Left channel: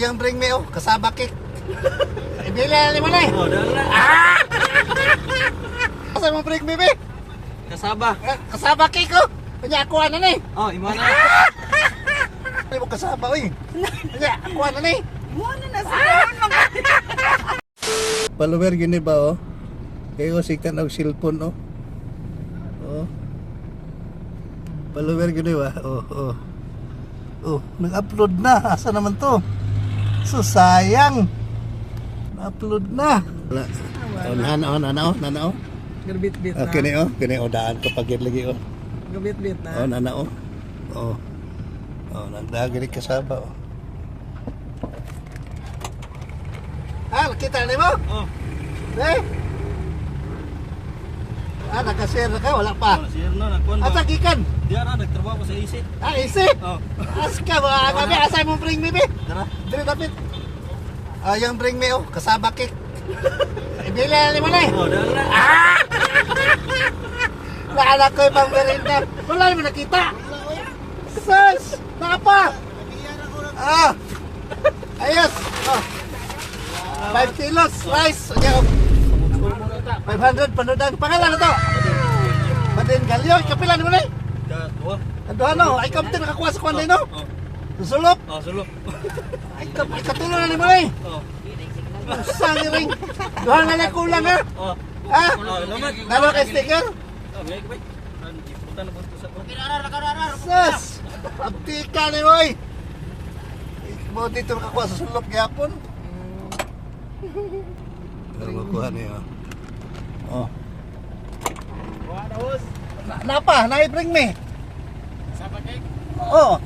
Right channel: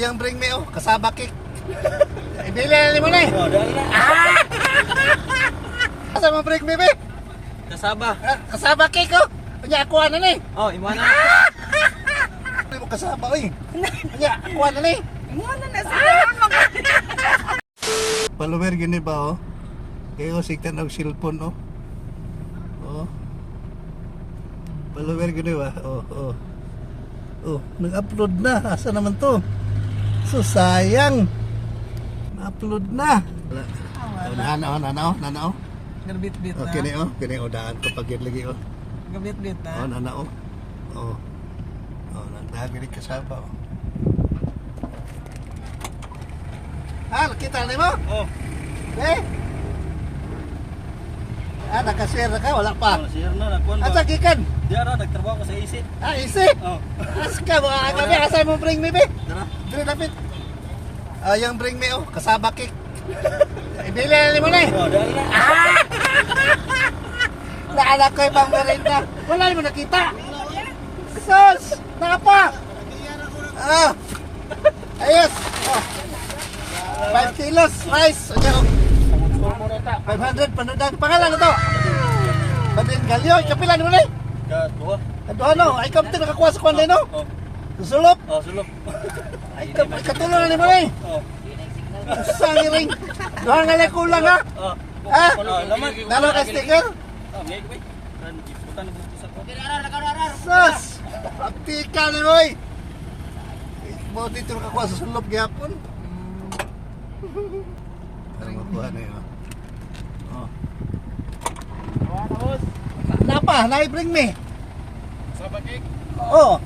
Yung bring me kasaba cake. Ibili na mo na eh. Oh, dala na. Asa mo bring me be? Kasaba. Kasaba cake Kanya ako na ni. Oh, imana. Hindi mo kasaba Kanya ako na ni. Muna na sila. Follower gini ba Kayo sigtan og cellphone Follower gini ba? Nag-upload na. Asa naman to? So sayang. Na-upload na. Nana. Gabit-bit na. Okay kini daan ko pagid lagi Gabit-bit na. nana nagdagiri kasaba nakita ni mo? Oh. Nakashare ka? Wala pa. Share na nakuan ba. Asa gikan? Diya na nagtrabaho ko sa AC. Isi? Oh. Aska ba? Gabi, asay mo bring me be? Tara. Dili dapat. Yung bring me kasaba cake. Ibili na mo na eh. Oh, dala na. Naanak ko yung pang merinda. Wala mo nakita. Sus! Nakapa! Ayos! 5 kilos rice. 500 panudan. Pangalan na to? Badin Galyo. Kapila mo na eh. Kadua. Kaduha no. Ay kapit nakakuha sa kwanday no. Oh. Susulok. Oh, sulok. Ay katulo na ni mo na eh. Oh. Usang ring. Duha nga lang kulang ha. Oh. Laman. Nalo kay sticker. Oh, may bay. Iputan na bunto sa to. Sus! Abtika ni mo eh. Mo dito nakakuha sa sulok gyapon. Ano makuha na yun? Napa? Na-bring me? Kasaba cake. Oo.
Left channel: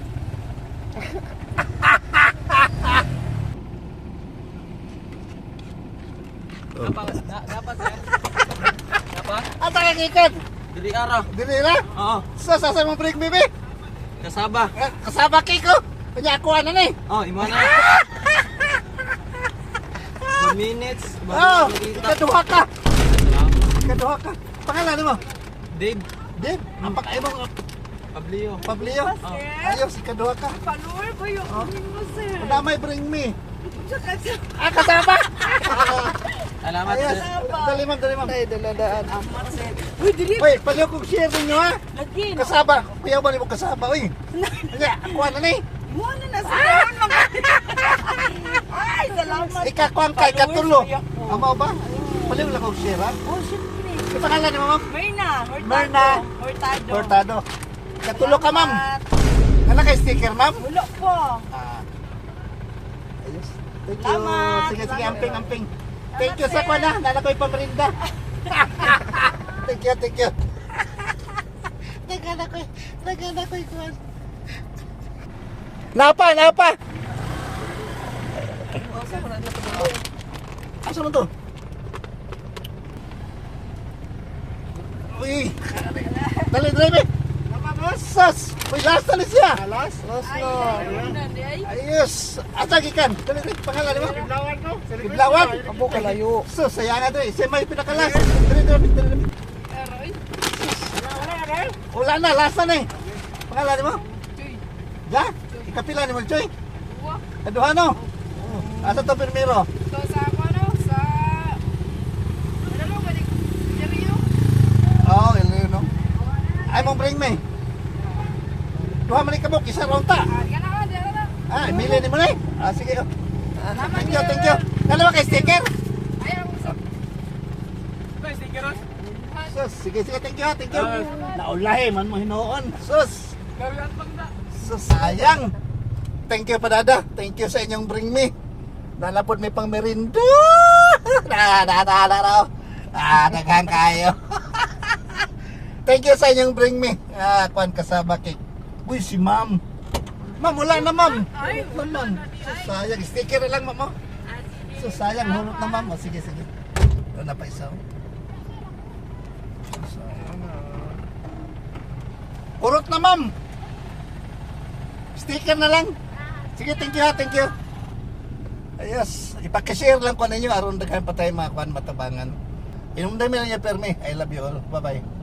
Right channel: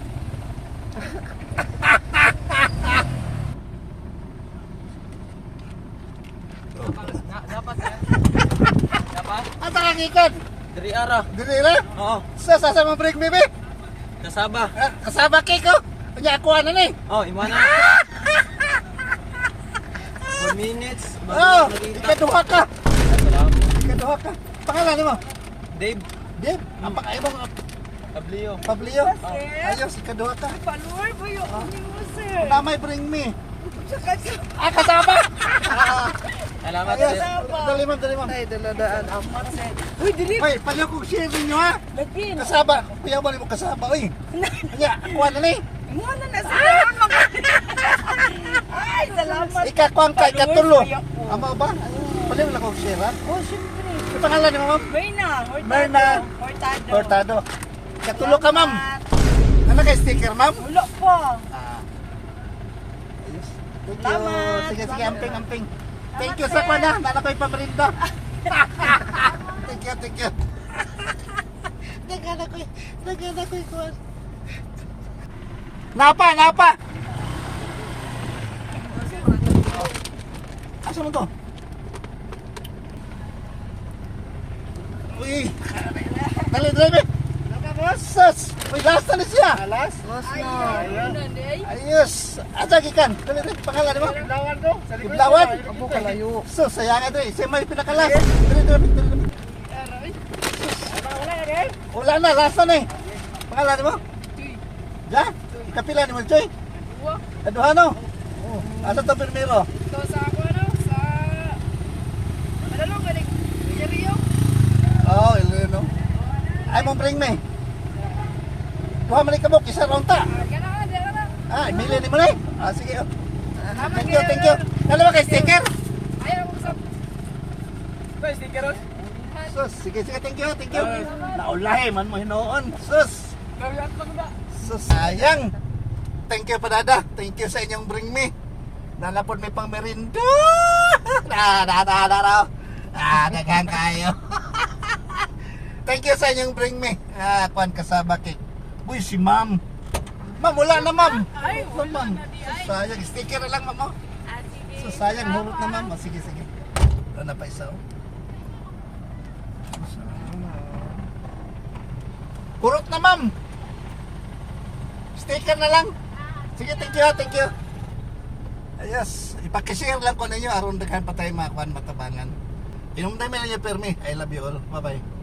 Dapat sir. Dapat? Ang takangikan? Diri ara. Dili na? Oo. Sus, asa mo bring me be? Kasaba. Kasaba cake Kanya ako na ni. Oh, imana. 2 minutes. Ikaduha ka. Ikaduha ka. Pangalan mo? Dave. Dave, ang pakaibang Pablio. Pablio. Ayos, ikaduha ka. Follower ba yung aming mo, sir? Damay bring me. Saka Kasaba! Salamat Ayos, sir. dali ma'am. ay daladaan amat, sir. Uy, dili. Uy, paliw kong share ninyo ha. Lagi. Kasaba. Kuya ba mo kasaba, uy. Kanya, kuha na ni. Muna na sila. Ay, salamat. Ikakuha ka, ikatulo. Ama ba? Paliw lang kong share ha. Oh, syempre. Ipangalan ni ma'am? Merna. Merna. Hortado. Cortado. Ikatulo ka ma'am. Ano kay sticker ma'am? Wala pa. Ayos. Thank you. Salamat. Sige, amping. Thank you sa pana. Nala ko'y pamerinda. Thank you. Nagana ko'y kuwan. Napa. Asa mo to? Uy. Dali, drive. Sus! May last na siya! Last na! Ayos! Asa gikan? Dali, pangalan mo? Kiblawan ko! Kiblawan? Abo kalayo! Sus, sayang ito eh! Siya may pinakalas! Dali! Wala na! Last na eh! Pangalan mo? Ja? Ikapila ni mo, Choy? Kaduha no? Asa to primero? Ito sa ako, ano? Sa... Ano lang, balik? Seryo? Oo, ilo no? Ay mong bring me! Duha man ikabok, isa ron ta! Emilio ni mo na eh! Sige Thank you! Ano ba kay sticker? Ayaw mo sa... Sticker. Sus, sige, thank you. Naulahi man mo hinoon. Sus, sayang. Thank you padada. Thank you sa inyong bring me. Nalapod may pang merienda. Daghang kayo. Thank you sa inyong bring me. Kuan kasaba cake. Uy, si ma'am. Ma'am, wala na ma'am. Ay, Hulot na, ma'am. Sus, sayang. Sticker na lang ma'am. Sus, sayang. Hulot na ma'am. Sige. Ano pa isa? Hulot na ma'am. Sticker na lang. Sige, thank you. Ayos. Ipakashare lang ko ninyo aron daghan pa tayo mga kuan matabangan. Inumday mi lang ya permi. I love you all. Bye-bye.